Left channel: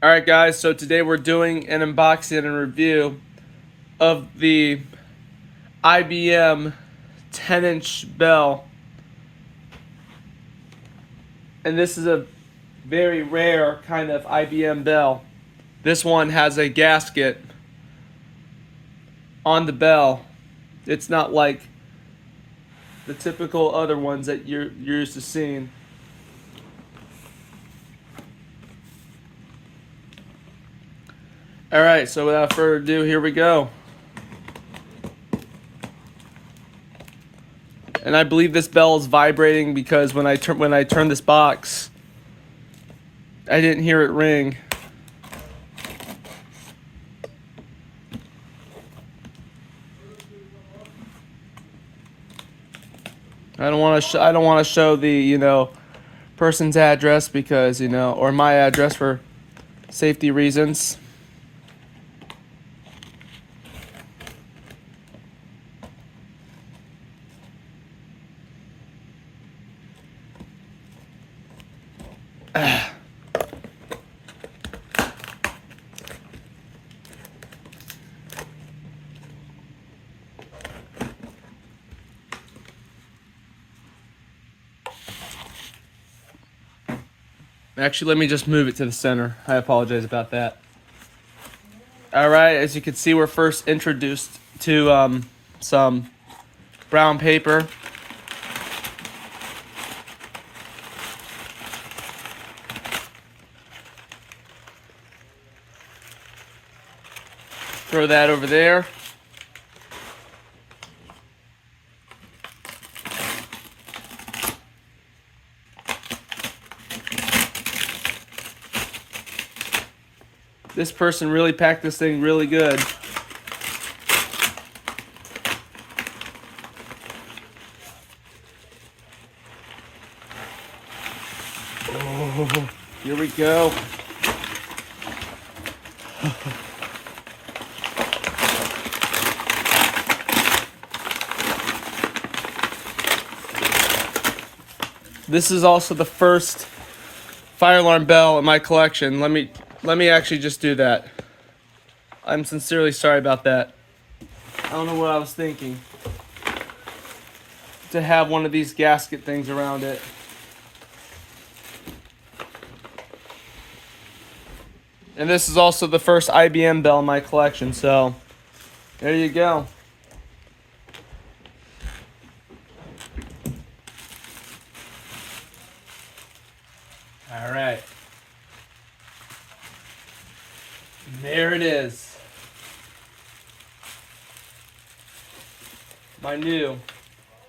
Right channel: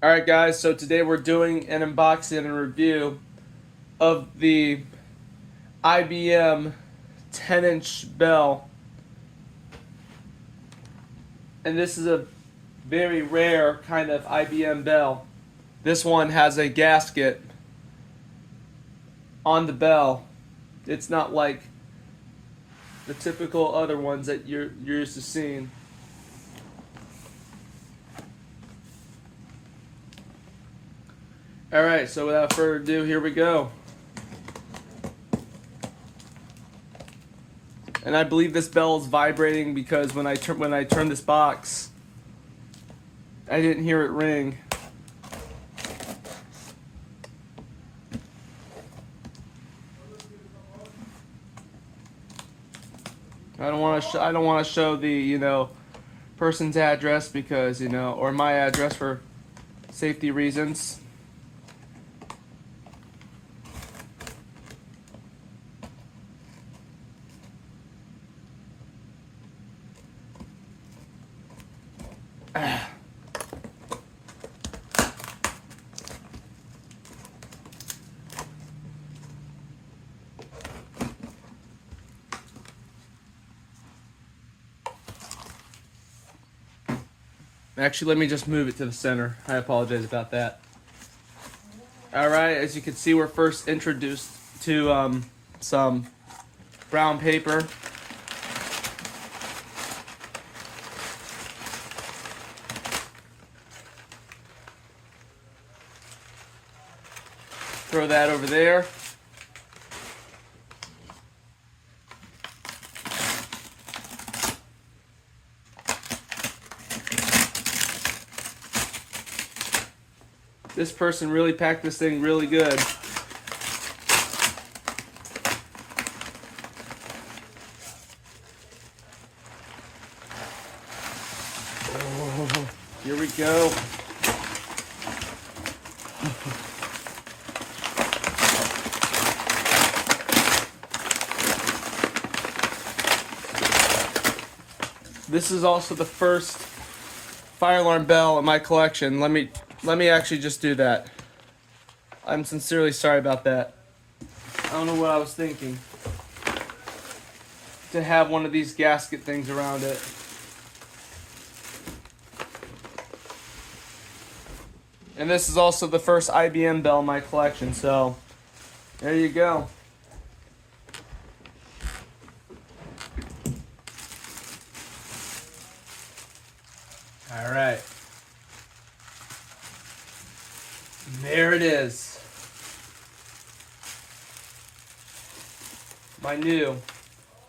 Alright guys, so today we're doing an unboxing and review of the IBM 10-inch bell. And this is a very rare kind of IBM bell. This one has a gasket on the bell. It's not like the typical other ones that you're used to seeing. Alright, so without further ado, here we go. And I believe this bell is vibrating because when I turn this box, I didn't hear it ring. I don't want to show the person's address because or my address for safety reasons. Actually, let me just move it to the center. I apologize about that. Alright, as you can see, we're first introduced to some brown paper. Throw that over there. This person really packed this thing really good. Oh, here we go. This is also the first fire alarm bell in my collection. Let me actually just do that. I'm sincerely sorry about that. I don't know what I was thinking. To have one of these gasket things around it. And this is also the first IBM bell in my collection, so there you go. All right. There it is. My new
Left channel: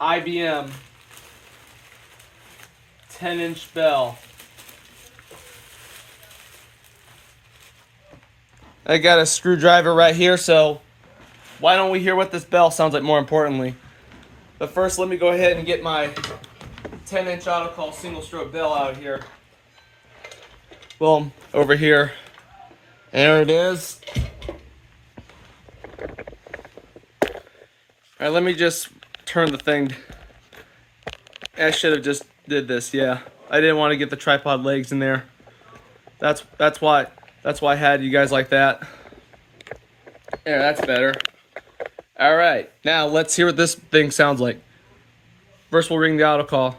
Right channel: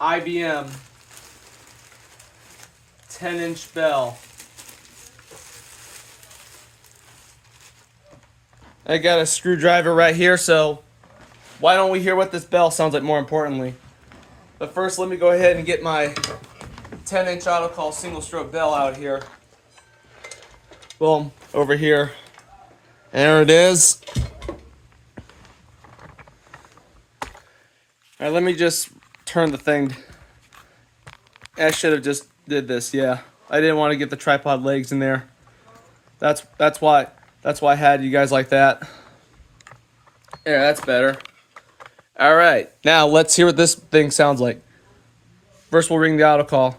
IBM 10-inch bell. I got a screwdriver right here, so why don't we hear what this bell sounds like more importantly. But first, let me go ahead and get my 10-inch auto-call single-stroke bell out here. Well, over here. There it is. Alright, let me just turn the thing. I should have just did this, yeah. I didn't want to get the tripod legs in there. That's why I had you guys like that. Yeah, that's better. Alright, now let's hear what this thing sounds like. First we'll ring the auto call.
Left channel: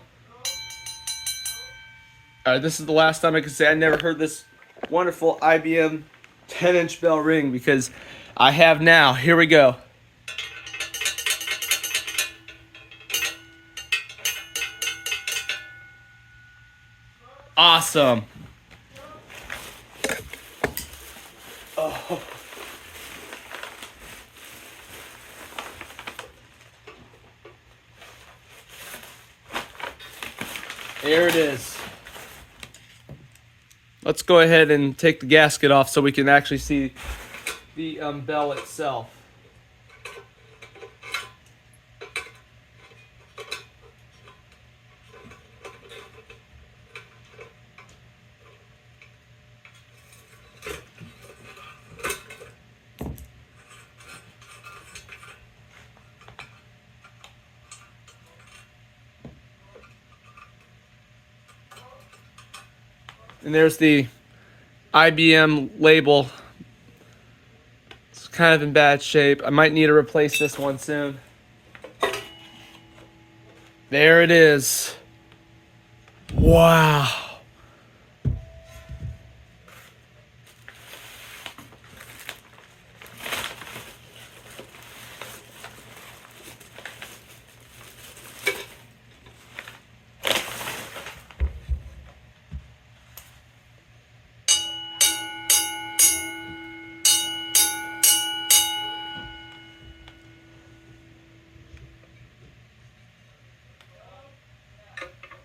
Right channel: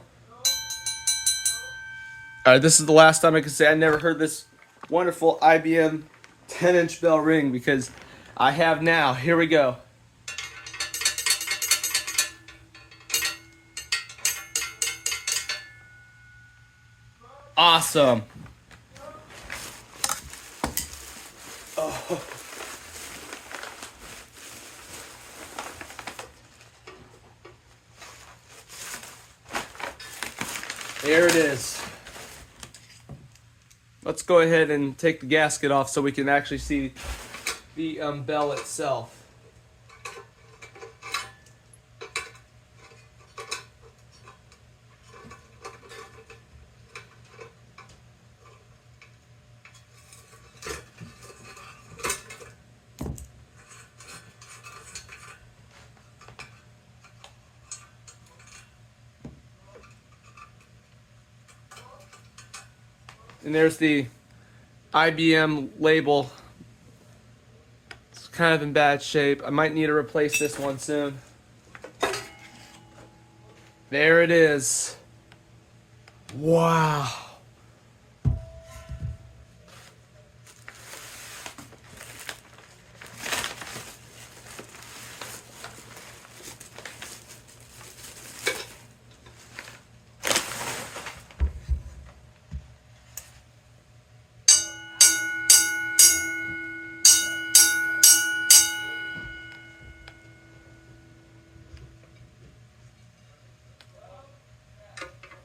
Alright, this is the last time I can say I never heard this wonderful IBM 10-inch bell ring because I have now. Here we go. Awesome. Oh. There it is. Let's go ahead and take the gasket off so we can actually see the bell itself. And there's the IBM label. It's kind of in bad shape. I might need to replace this one soon. There it is. Wow.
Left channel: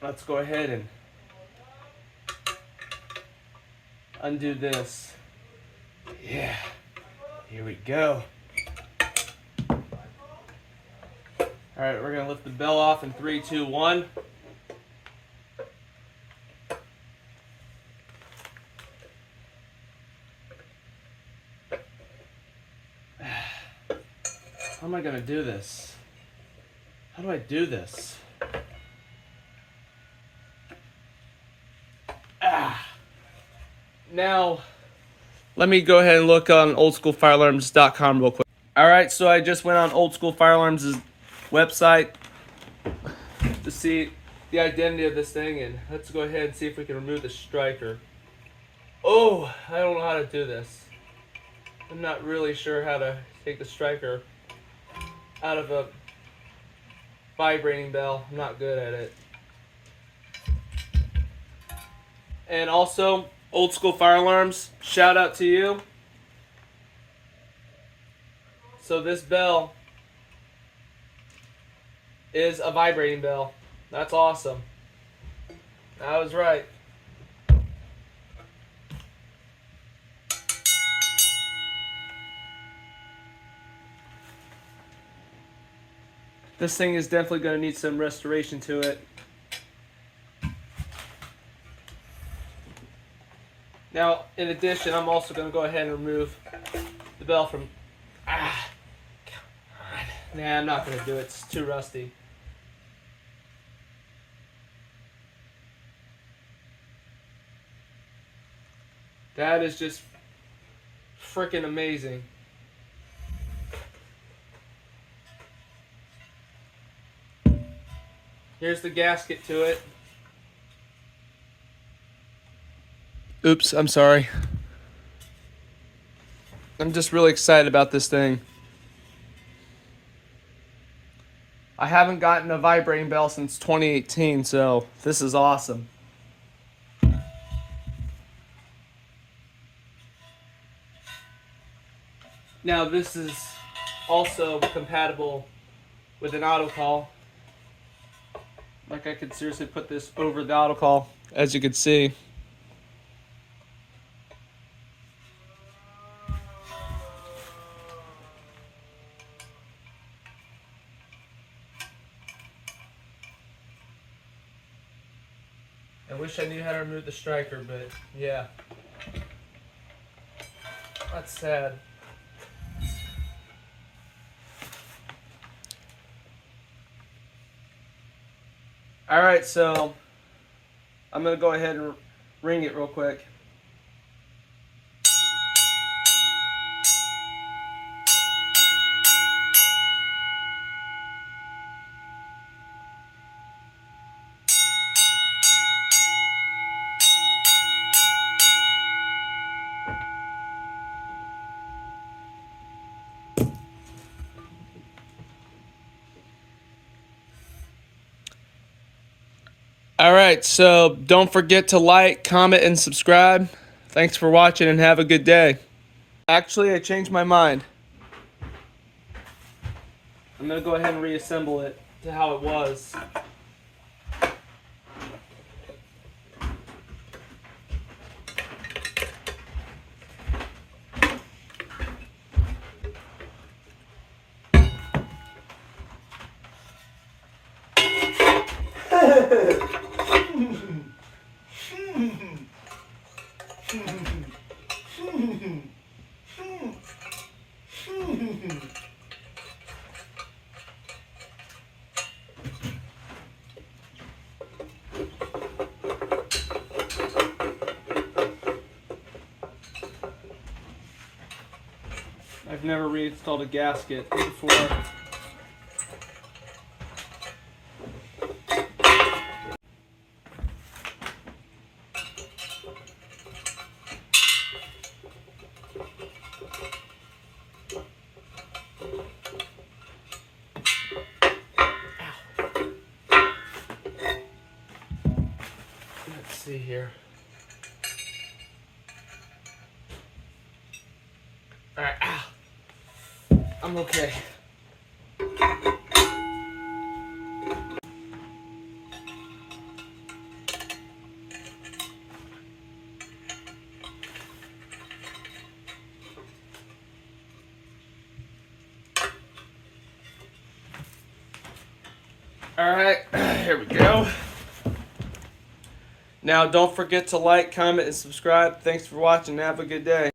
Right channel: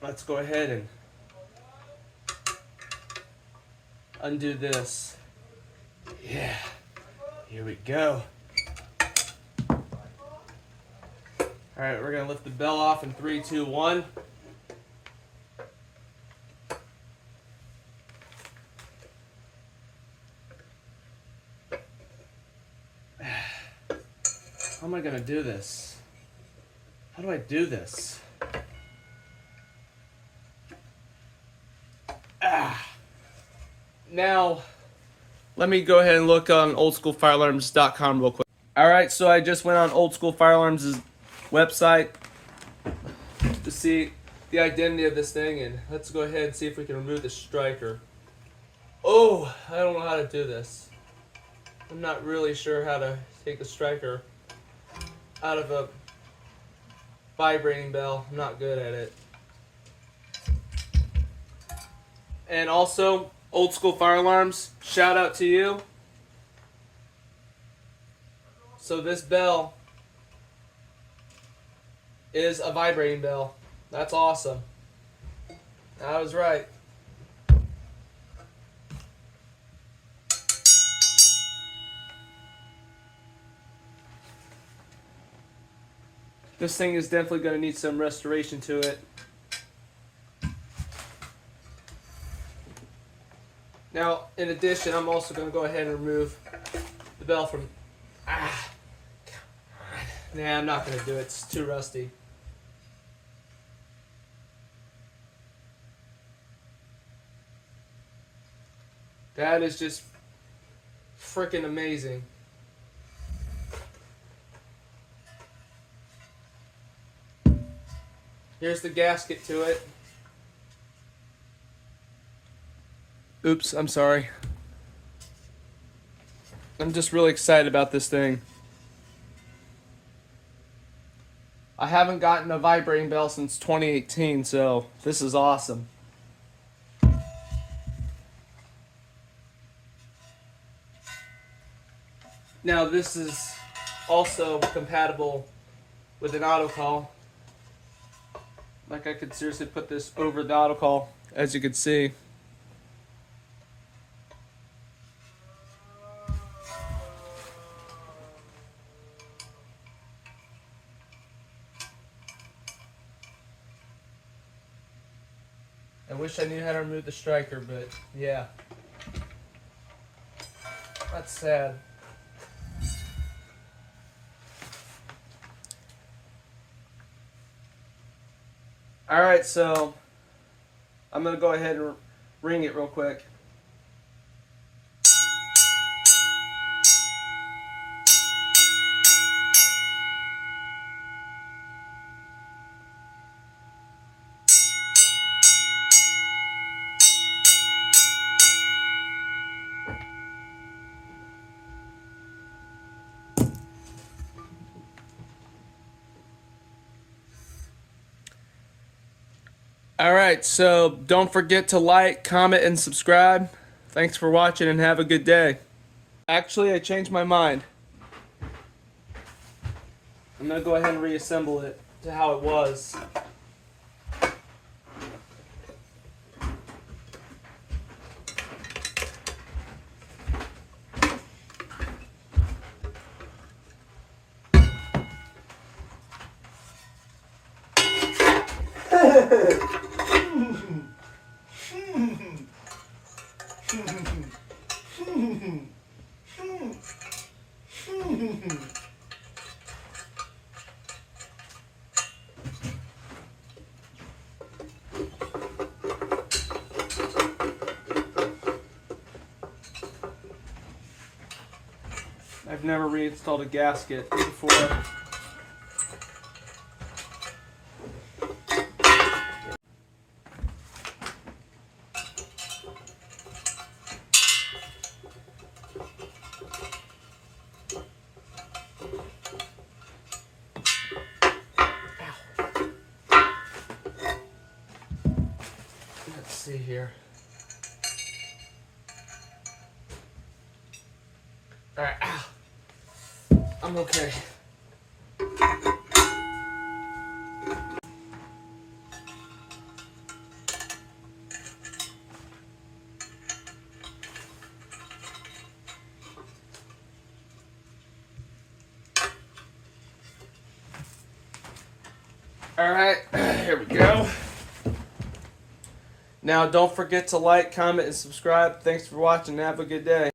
Let's go ahead and undo this. Yeah, here we go. All right, we're gonna lift the bell off in 3, 2, 1. How am I gonna do this? How do I do this? Now, let me go ahead and look on oldschoolfirealarms.com real quick. Alright, so I just went on Old School Firearms' website to see the identity of this thing, and let's go ahead and see if we can remove the striker. Oh, I don't know how to do this. I'm not really sure how to take the striker out of a vibrating bell. I'm not good at it. And also, Old School Fire Alarms, shout out to you. So this bell is a vibrating bell. That's awesome. I was right. This thing is definitely going to need some restoration to it. Now, in addition, I'm also going to go ahead and remove the bell from... God. Nah, I'm not going to do it. It's too rusty. That is just freaking amazing. Here's the gasket to it. Oops, I'm sorry. I'm just really excited about this thing. I haven't gotten a vibrating bell since 2018, so this is awesome. Now this is also compatible with an autocall. Like I could seriously put this over the autocall, as you can see. I wish I knew how to remove the striker, but yeah. That's sad. Alright, so I'm going to go ahead and ring it real quick. Alright, so don't forget to like, comment, and subscribe. Thanks for watching and have a good day. Actually, I changed my mind. I'm going to go ahead and reassemble it to how it was. I've never reinstalled a gasket before. Let's see here. All right, I'm okay. All right, here we go. Now, don't forget to like, comment, and subscribe. Thanks for watching. Have a good day.